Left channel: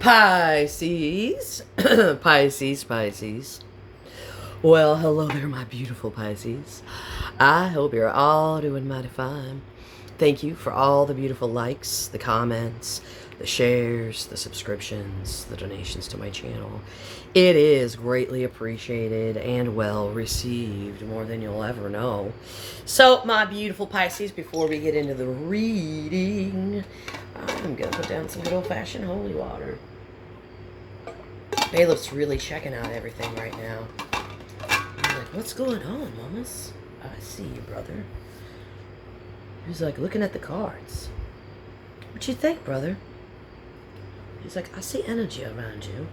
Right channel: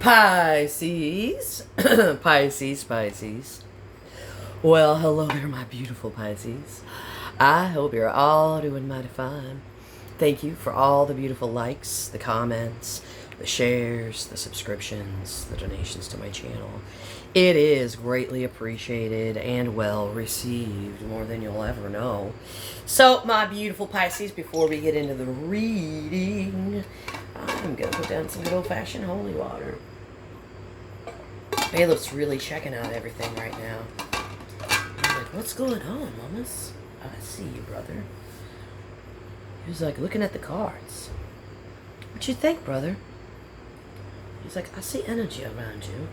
Pisces. Pisces. Well, hello there, my beautiful Pisces. I hope you're all doing mighty fine. Thank you for all the beautiful likes, the comments, the shares, the subscriptions, the donations to my channel. It is greatly appreciated and well received, more than you'll ever know. So, my beautiful Pisces, before we get into the reading, I'm going to put down some good old-fashioned holy water. Caleb's really checking out everything right now. I'm like, what's going on, mamas? I see you, brother. He's like, looking at the cards. What you think, brother? He's like, I see energy around you.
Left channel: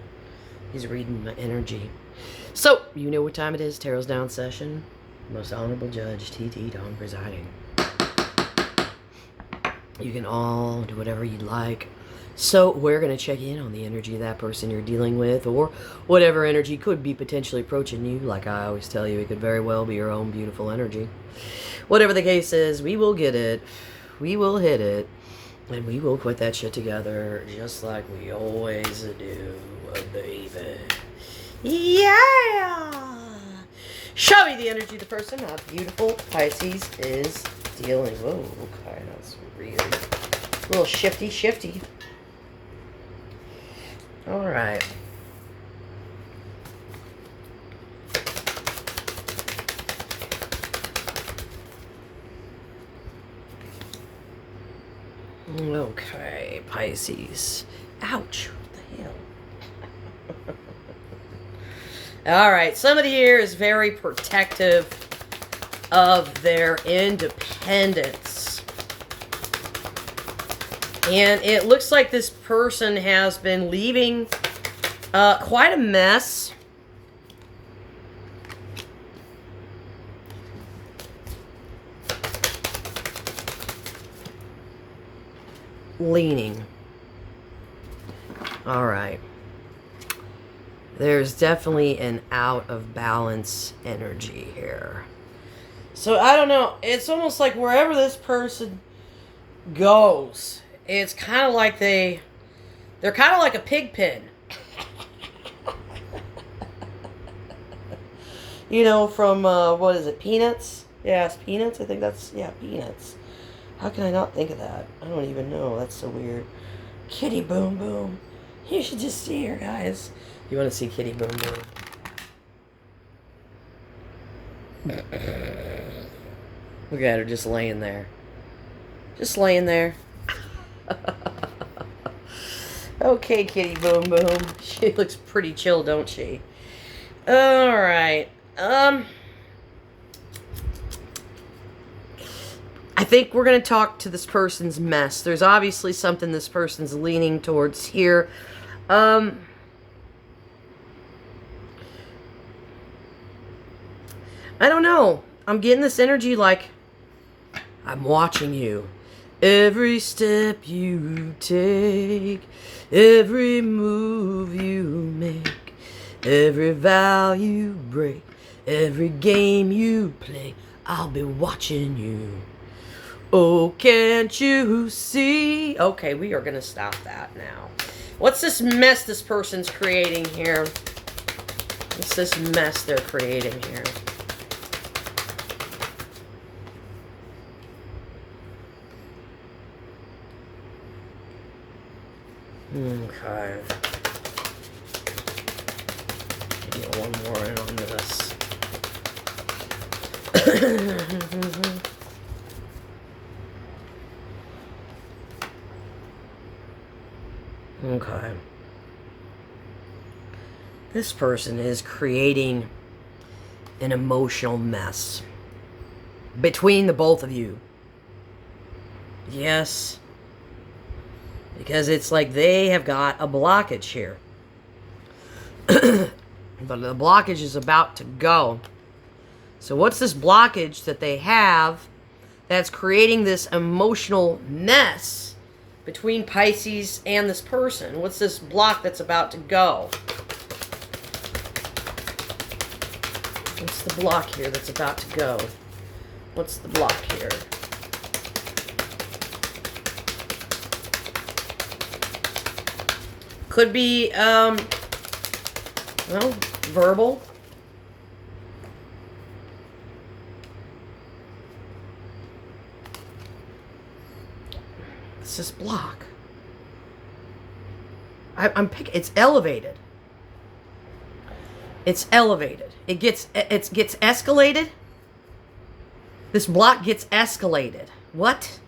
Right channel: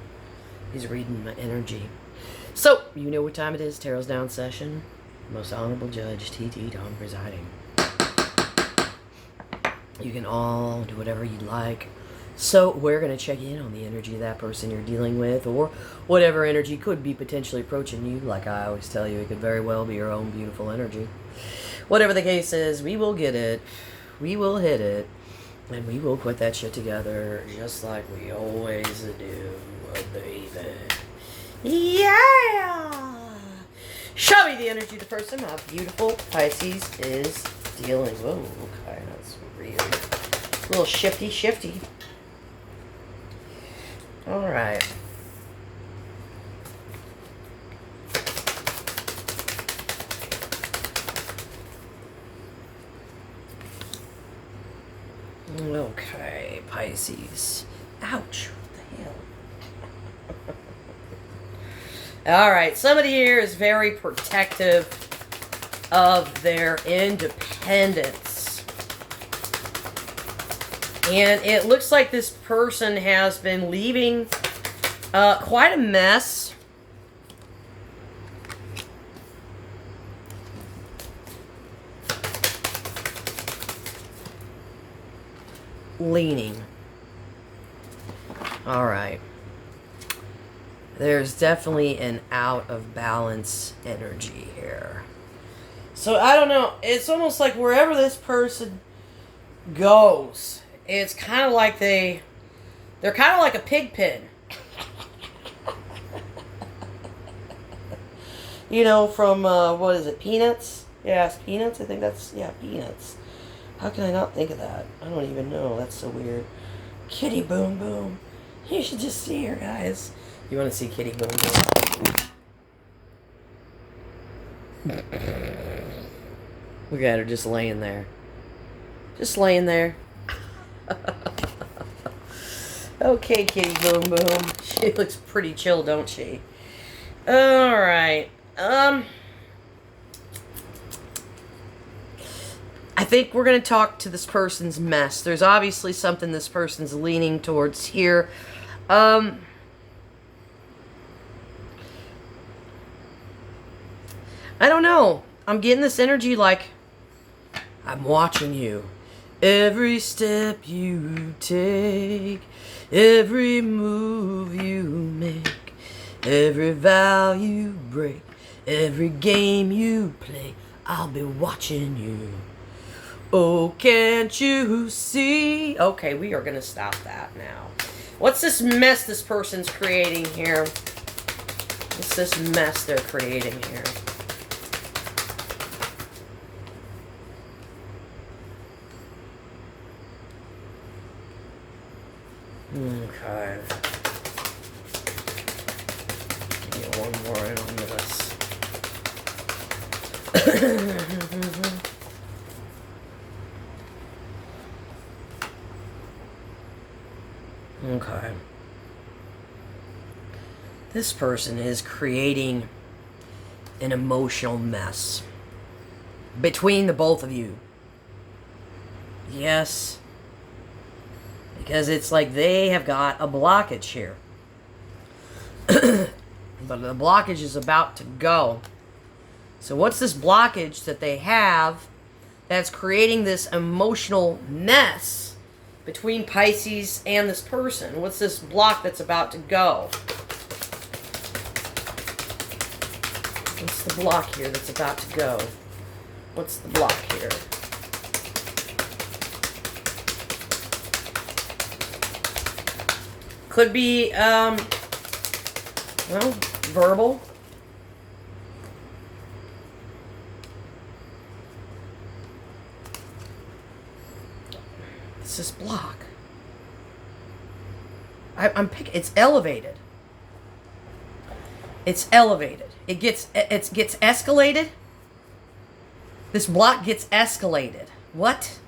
He's reading my energy. So, you know what time it is. Tarot's down session. Most Honorable Judge T.T. Tom presiding. You can all do whatever you'd like. So, we're going to check in on the energy of that person you're dealing with, or whatever energy could be potentially approaching you. Like I always tell you, it could very well be your own beautiful energy. Whatever the case is, we will get it. We will hit it. And we will put that shit together just like we always do, baby. Yeah! Show me the energy of the person my beautiful Pisces is dealing. Whoa, okay, that's weird. A little shifty. Alright. Okay, Pisces. Ouch. What the hell? Alright, somebody here is very protective of their independence. And it looks like this person has been leaving quite a mess. Leaning. All right. There's definitely an out of balance energy here. So I don't know. It's almost like wherever this person goes, it's kind of like they're kind of like a pig pen. You know, from, what is it, Peanuts? Yeah, it's Peanuts. I think that's, yeah, Peanuts. How can I not think of that? I don't even know. That's so weird. Kitty Boom Boom. You should just see her, guys. You want to see Kitty Boom Boom? Look at her just laying there. Just laying there. Okay, Kitty Boom Boom. She looks pretty chill, don't she? Alright. I think we're going to talk to this person's mess. There's obviously something this person's leaning towards here. I don't know. I'm getting this energy like I'm watching you. Every step you take, every move you make, every vow you break, every game you play, I'll be watching you. Oh, can't you see? Okay, we are going to stop that now. What's this mess this person's creating here? What's this mess they're creating here? Okay. Give me one more on this. Okay. This person is creating an emotional mess between the both of you. Yes. Because it's like they have got a blockage here. But the blockage is about to go. So what's this blockage that they have that's creating this emotional mess between Pisces and this person? What's this block that's about to go? What's the block here that's about to go? What's the block here? Could be, well, verbal. It's this block. I'm picking, it's elevated. It's elevated. It gets escalated. This block gets escalated. What?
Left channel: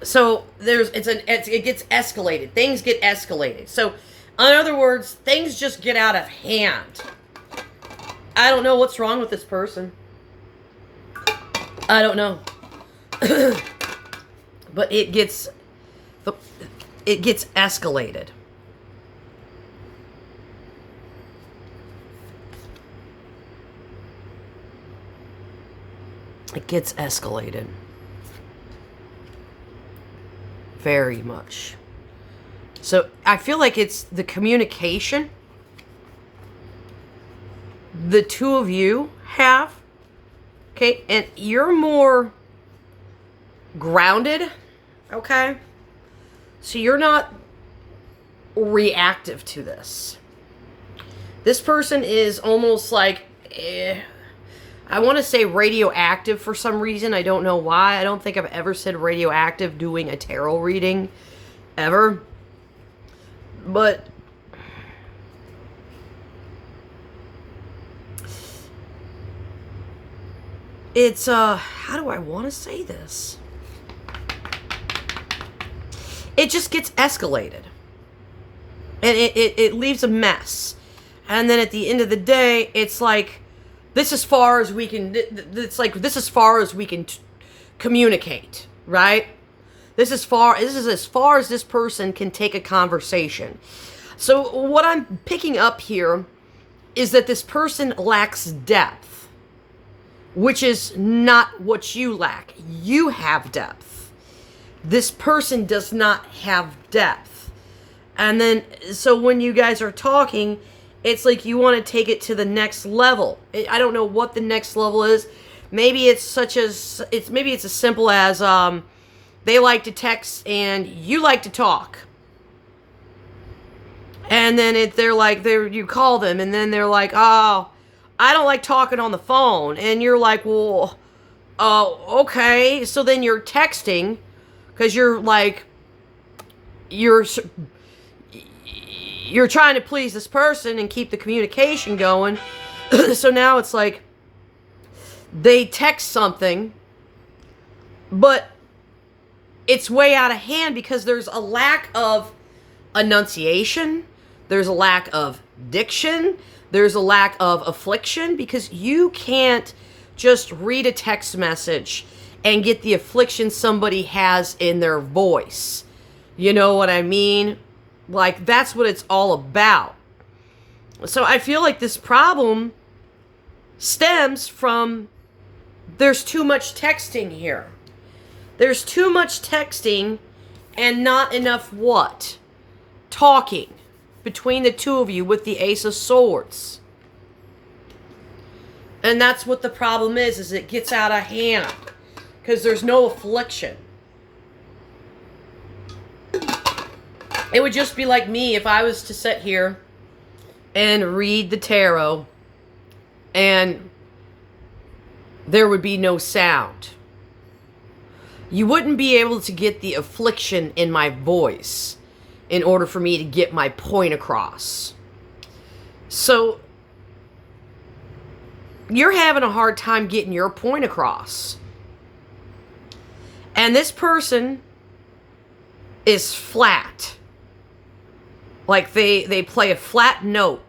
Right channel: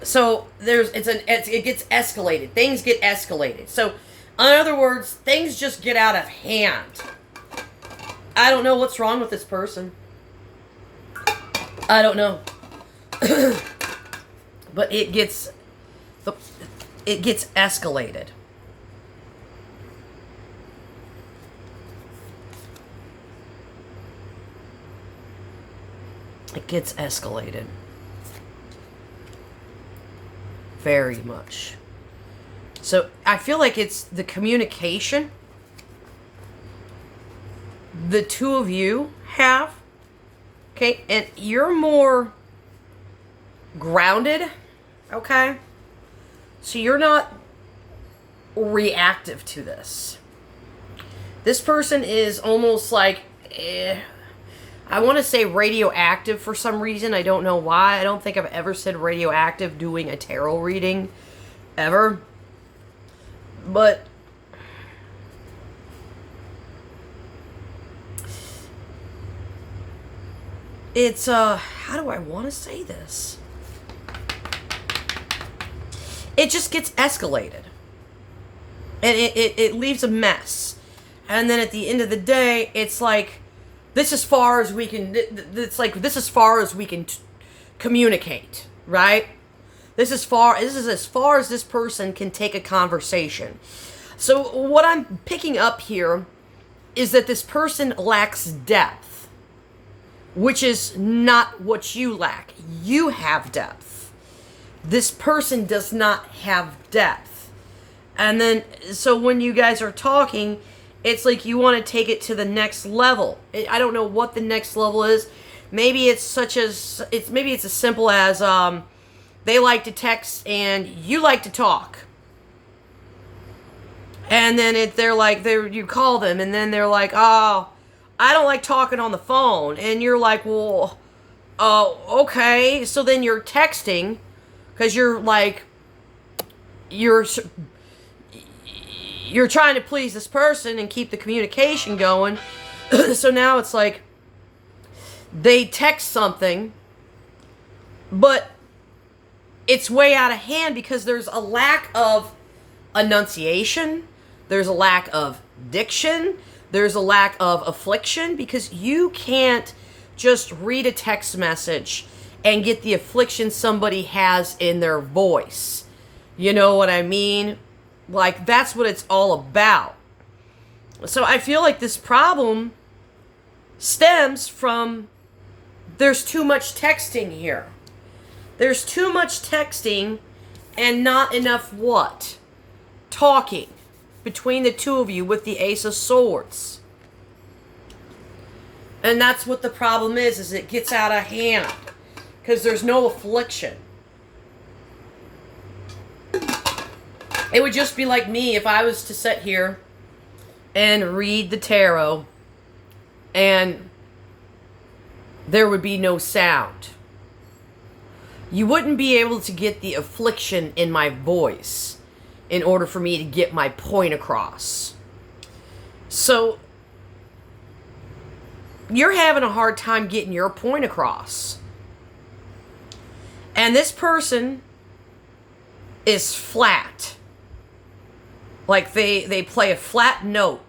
So it gets escalated. Things get escalated. So, in other words, things just get out of hand. I don't know what's wrong with this person. I don't know. But it gets escalated. It gets escalated. Very much. So I feel like it's the communication the two of you have. Okay, and you're more grounded. Okay, so you're not reactive to this. This person is almost like, I want to say radioactive for some reason. I don't know why. I don't think I've ever said radioactive doing a tarot reading, ever. But it's, how do I want to say this? It just gets escalated. And it leaves a mess. And then at the end of the day, it's like, this is far as we can, it's like, this is far as we can communicate, right? This is as far as this person can take a conversation. So what I'm picking up here is that this person lacks depth, which is not what you lack. You have depth. This person does not have depth. And then, so when you guys are talking, it's like you want to take it to the next level. I don't know what the next level is. Maybe it's maybe it's as simple as they like to text and you like to talk. And then you call them and then they're like, "Oh, I don't like talking on the phone." And you're like, "Well, okay." So then you're texting because you're like, you're trying to please this person and keep the communication going. So now it's like they text something, but it's way out of hand because there's a lack of enunciation, there's a lack of diction, there's a lack of affliction, because you can't just read a text message and get the affliction somebody has in their voice. You know what I mean? Like, that's what it's all about. So I feel like this problem stems from, there's too much texting here. There's too much texting and not enough what? Talking between the two of you with the Ace of Swords. And that's what the problem is it gets out of hand. Because there's no affliction. It would just be like me if I was to sit here and read the tarot and there would be no sound. You wouldn't be able to get the affliction in my voice in order for me to get my point across. So, you're having a hard time getting your point across. And this person is flat. Like they play a flat note.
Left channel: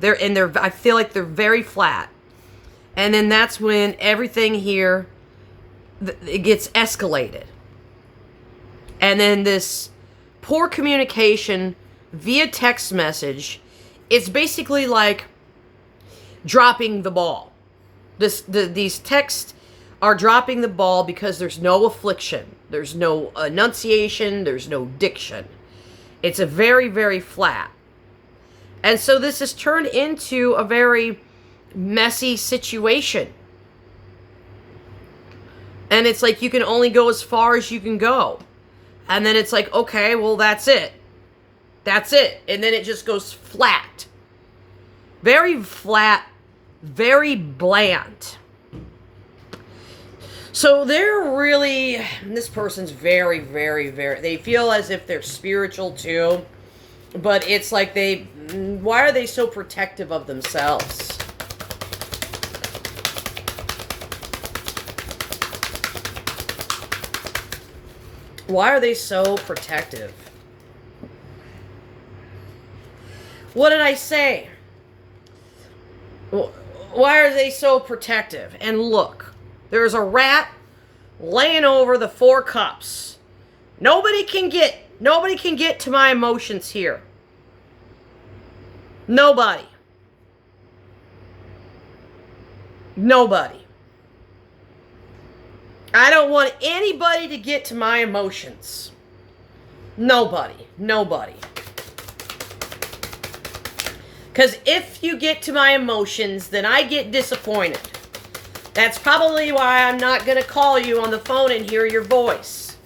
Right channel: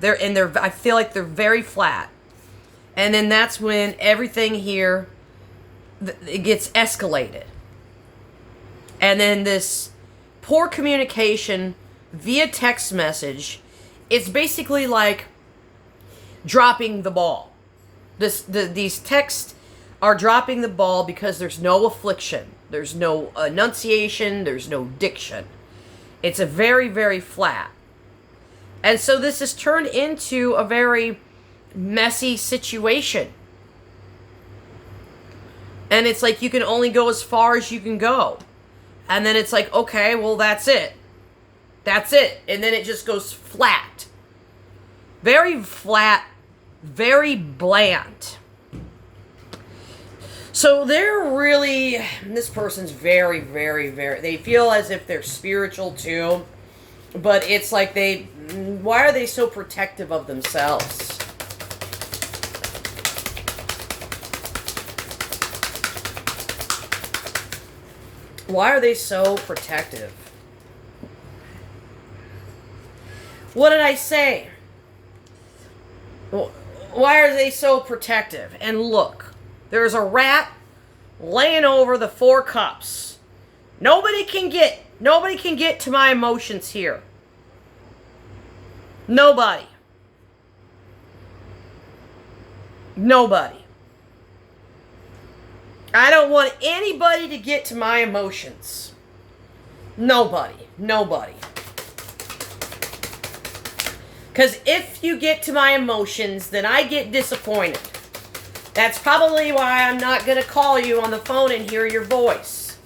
I feel like they're very flat. And then that's when everything here, it gets escalated. And then this poor communication via text message, it's basically like dropping the ball. These texts are dropping the ball because there's no affliction. There's no enunciation. There's no diction. It's a very, very flat. And so this has turned into a very messy situation. And it's like you can only go as far as you can go. And then it's like, okay, well, that's it. That's it. And then it just goes flat. Very flat, very bland. So they're really, this person's very, very, very, they feel as if they're spiritual too. But it's like why are they so protective of themselves? Why are they so protective? What did I say? Why are they so protective? And look, there's a rat laying over the 4 cups. Nobody can get to my emotions here. Nobody. Nobody. I don't want anybody to get to my emotions. Nobody. Nobody. Because if you get to my emotions, then I get disappointed. That's probably why I'm not going to call you on the phone and hear your voice.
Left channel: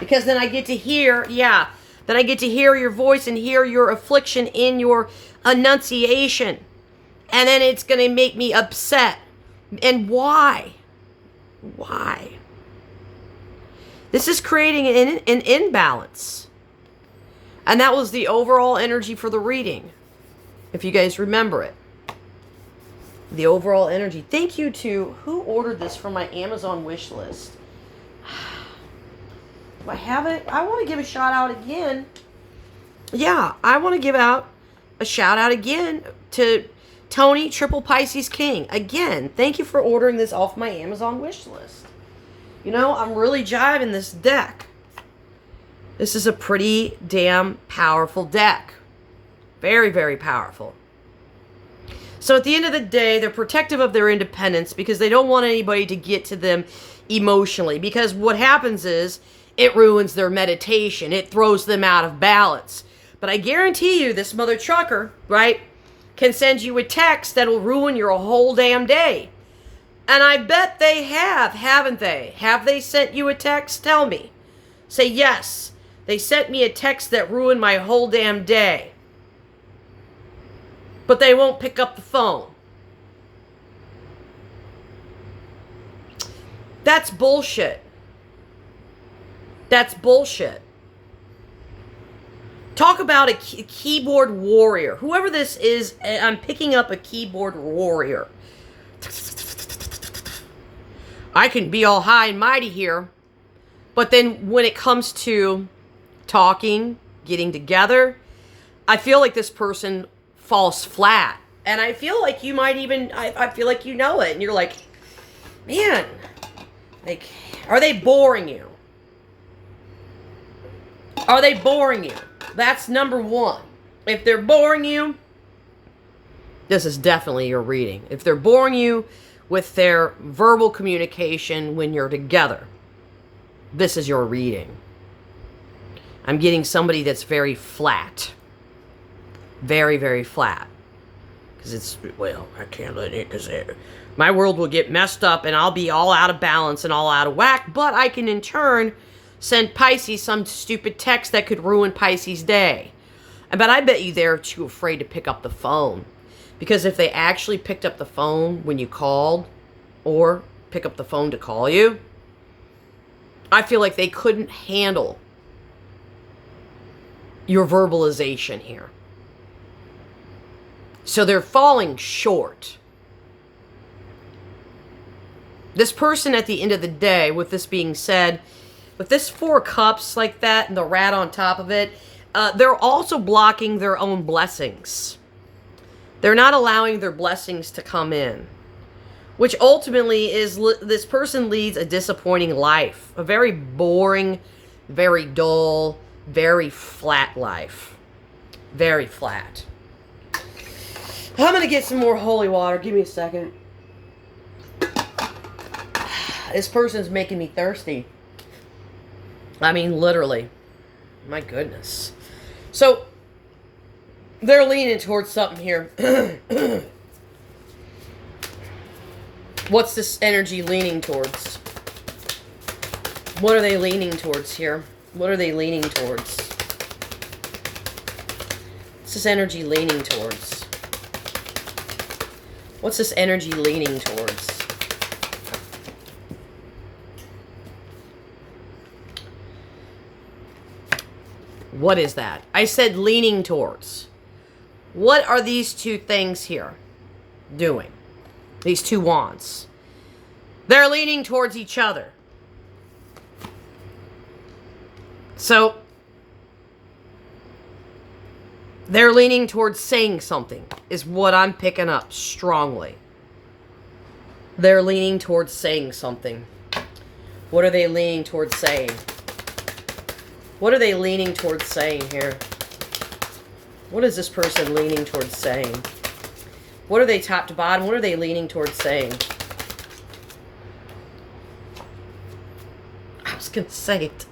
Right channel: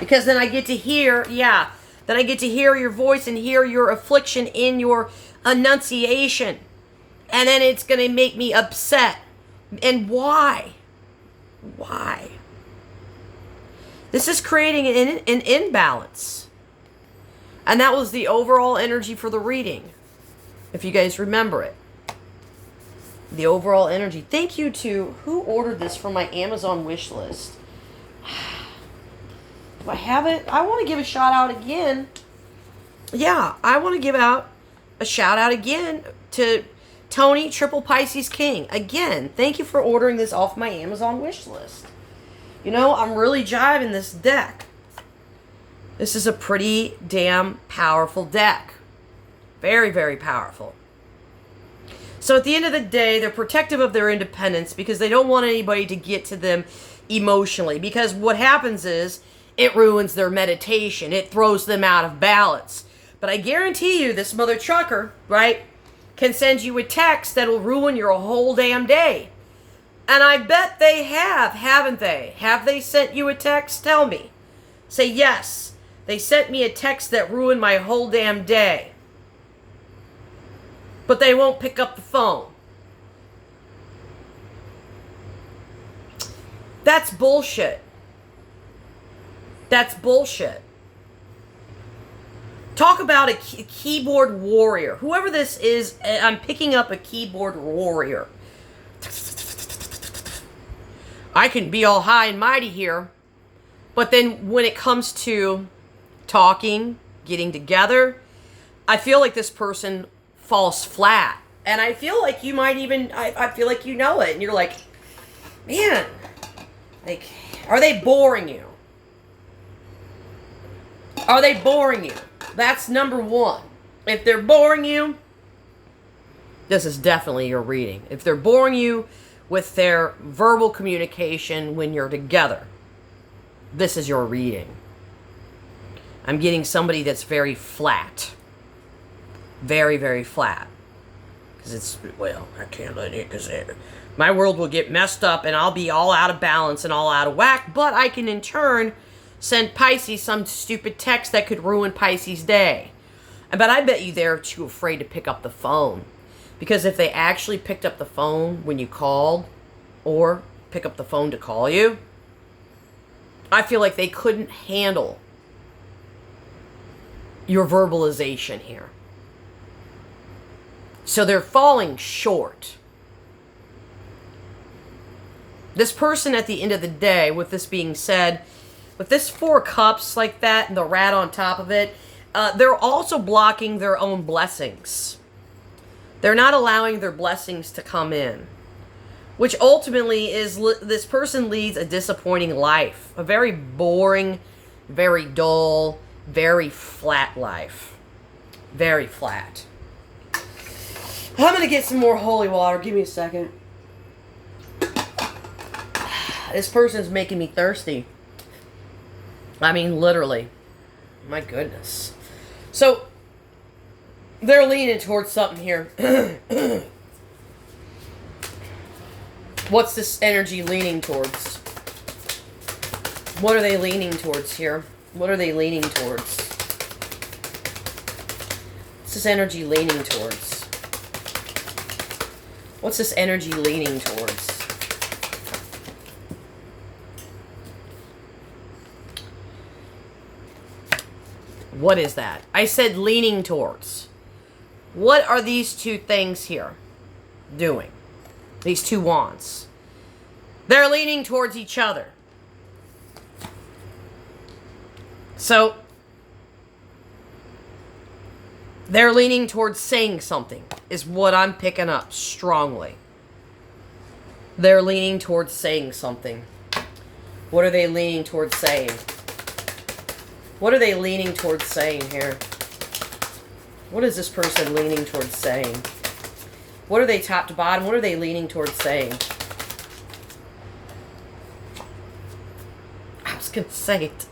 Because then I get to hear, then I get to hear your voice and hear your affliction in your enunciation. And then it's going to make me upset. And why? Why? This is creating an imbalance. And that was the overall energy for the reading. If you guys remember it. The overall energy. Thank you to who ordered this from my Amazon wish list. Do I have it? I want to give a shout out again. Yeah, I want to give out a shout out again to Tony Triple Pisces King. Again, thank you for ordering this off my Amazon wish list. You know, I'm really jiving this deck. This is a pretty damn powerful deck. Very, very powerful. So at the end of the day, they're protective of their independence because they don't want anybody to get to them emotionally. Because what happens is, it ruins their meditation. It throws them out of balance. But I guarantee you, this mother trucker, right, can send you a text that'll ruin your whole damn day. And I bet they have, haven't they? Have they sent you a text? Tell me. Say, yes, they sent me a text that ruined my whole damn day. But they won't pick up the phone. That's bullshit. That's bullshit. Talk about a keyboard warrior. Whoever this is, I'm picking up a keyboard warrior. I can be all high and mighty here. But then when it comes to talking, getting together, I feel like this person falls flat. And I feel like you might even, I feel like you know it. And you're like, man, like, are they boring you? Are they boring you? That's number one. If they're boring you, this is definitely your reading. If they're boring you with their verbal communication when you're together, this is your reading. I'm getting somebody that's very flat. Very, very flat. Because it's, well, I can't let it, because my world will get messed up and I'll be all out of balance and all out of whack, but I can in turn send Pisces some stupid text that could ruin Pisces' day. But I bet you they're too afraid to pick up the phone. Because if they actually picked up the phone when you called, or pick up the phone to call you, I feel like they couldn't handle your verbalization here. So they're falling short. This person at the end of the day, with this being said, with this 4 cups like that and the rat on top of it, they're also blocking their own blessings. They're not allowing their blessings to come in. Which ultimately is, this person leads a disappointing life. A very boring, very dull, very flat life. Very flat. I'm going to get some more holy water. Give me a second. This person's making me thirsty. I mean, literally. My goodness. So, they're leaning towards something here. What's this energy leaning towards? What are they leaning towards here? What are they leaning towards? this energy leaning towards? What's this energy leaning towards? What is that? I said leaning towards. What are these two things here doing? These two wands. They're leaning towards each other. So, they're leaning towards saying something, is what I'm picking up strongly. They're leaning towards saying something. What are they leaning towards saying? What are they leaning towards saying here? What is this person leaning towards saying? What are they top to bottom? What are they leaning towards saying? I was going to say it.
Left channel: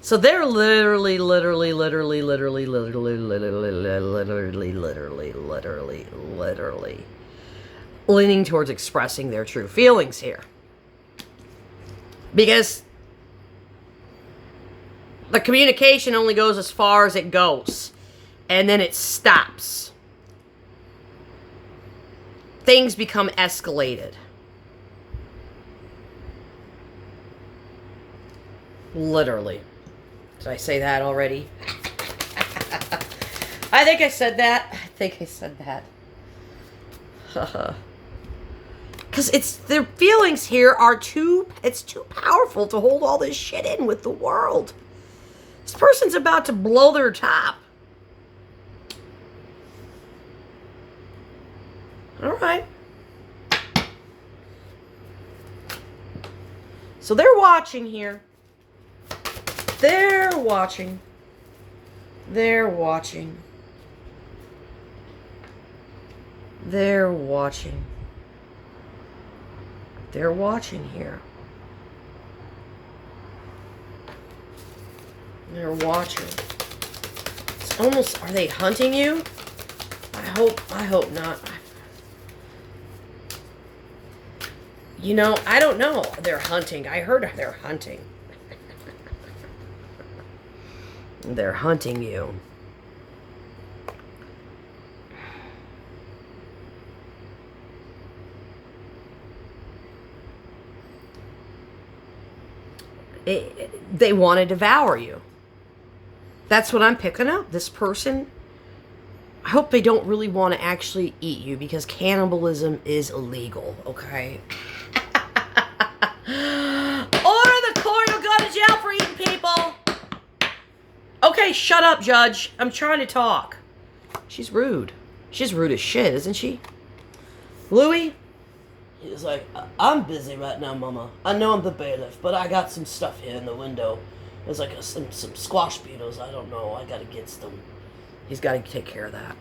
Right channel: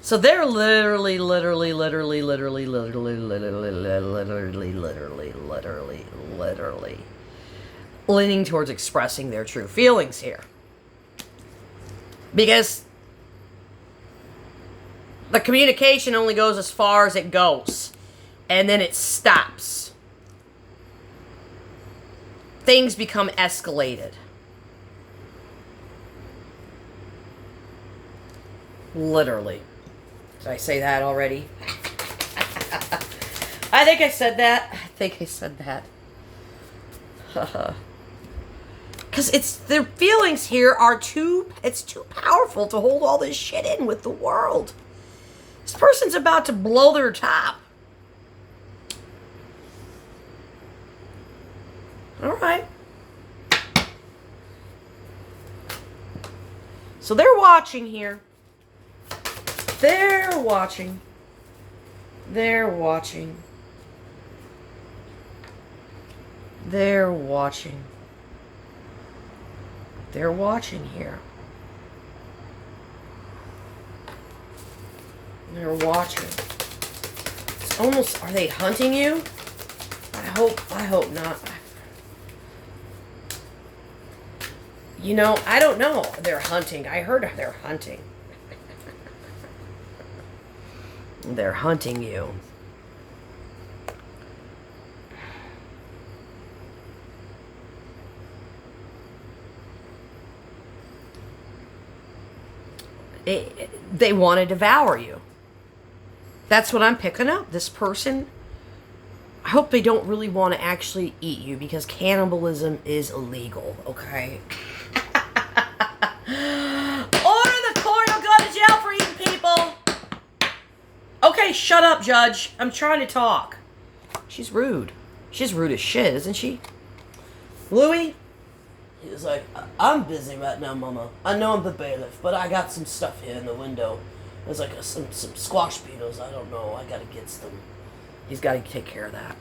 So they're literally leaning towards expressing their true feelings here. Because the communication only goes as far as it goes. And then it stops. Things become escalated. Literally. Did I say that already? I think I said that. Because it's, their feelings here are it's too powerful to hold all this shit in with the world. This person's about to blow their top. All right. So they're watching here. They're watching. They're watching. They're watching. They're watching here. They're watching. It's almost, are they hunting you? I hope not. You know, I don't know. They're hunting. I heard they're hunting. They're hunting you. They want to devour you. That's what I'm picking up. This person, I hope they don't really want to actually eat you, because cannibalism is illegal, okay? Order the court will go to jail for eating people. Okay, shut up, Judge. I'm trying to talk. She's rude. She's rude as shit, isn't she? Louis? He was like, I'm busy right now, Mama. I know I'm the bailiff, but I got some stuff here in the window. There's like some squash beetles. I don't know. I gotta get them. He's got to take care of that.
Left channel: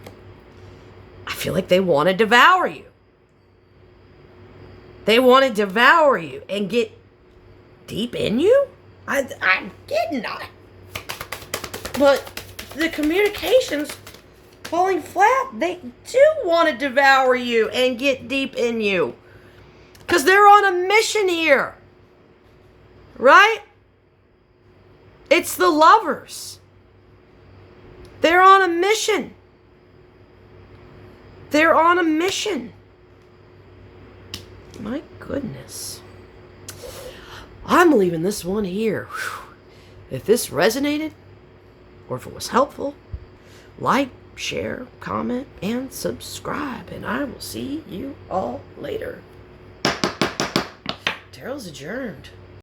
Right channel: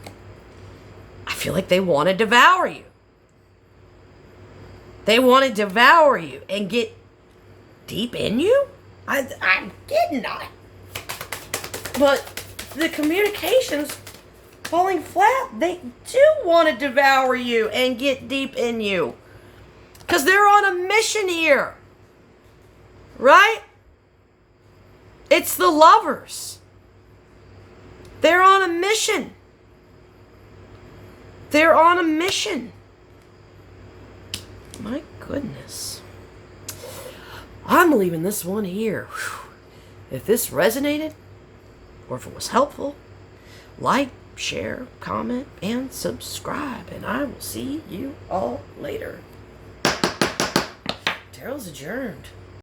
I feel like they want to devour you. They want to devour you and get deep in you? I'm getting that. But the communication's falling flat. They do want to devour you and get deep in you. Because they're on a mission here. Right? It's the lovers. They're on a mission. They're on a mission. My goodness. I'm leaving this one here. If this resonated, or if it was helpful, like, share, comment, and subscribe. And I will see you all later. Tarot's adjourned.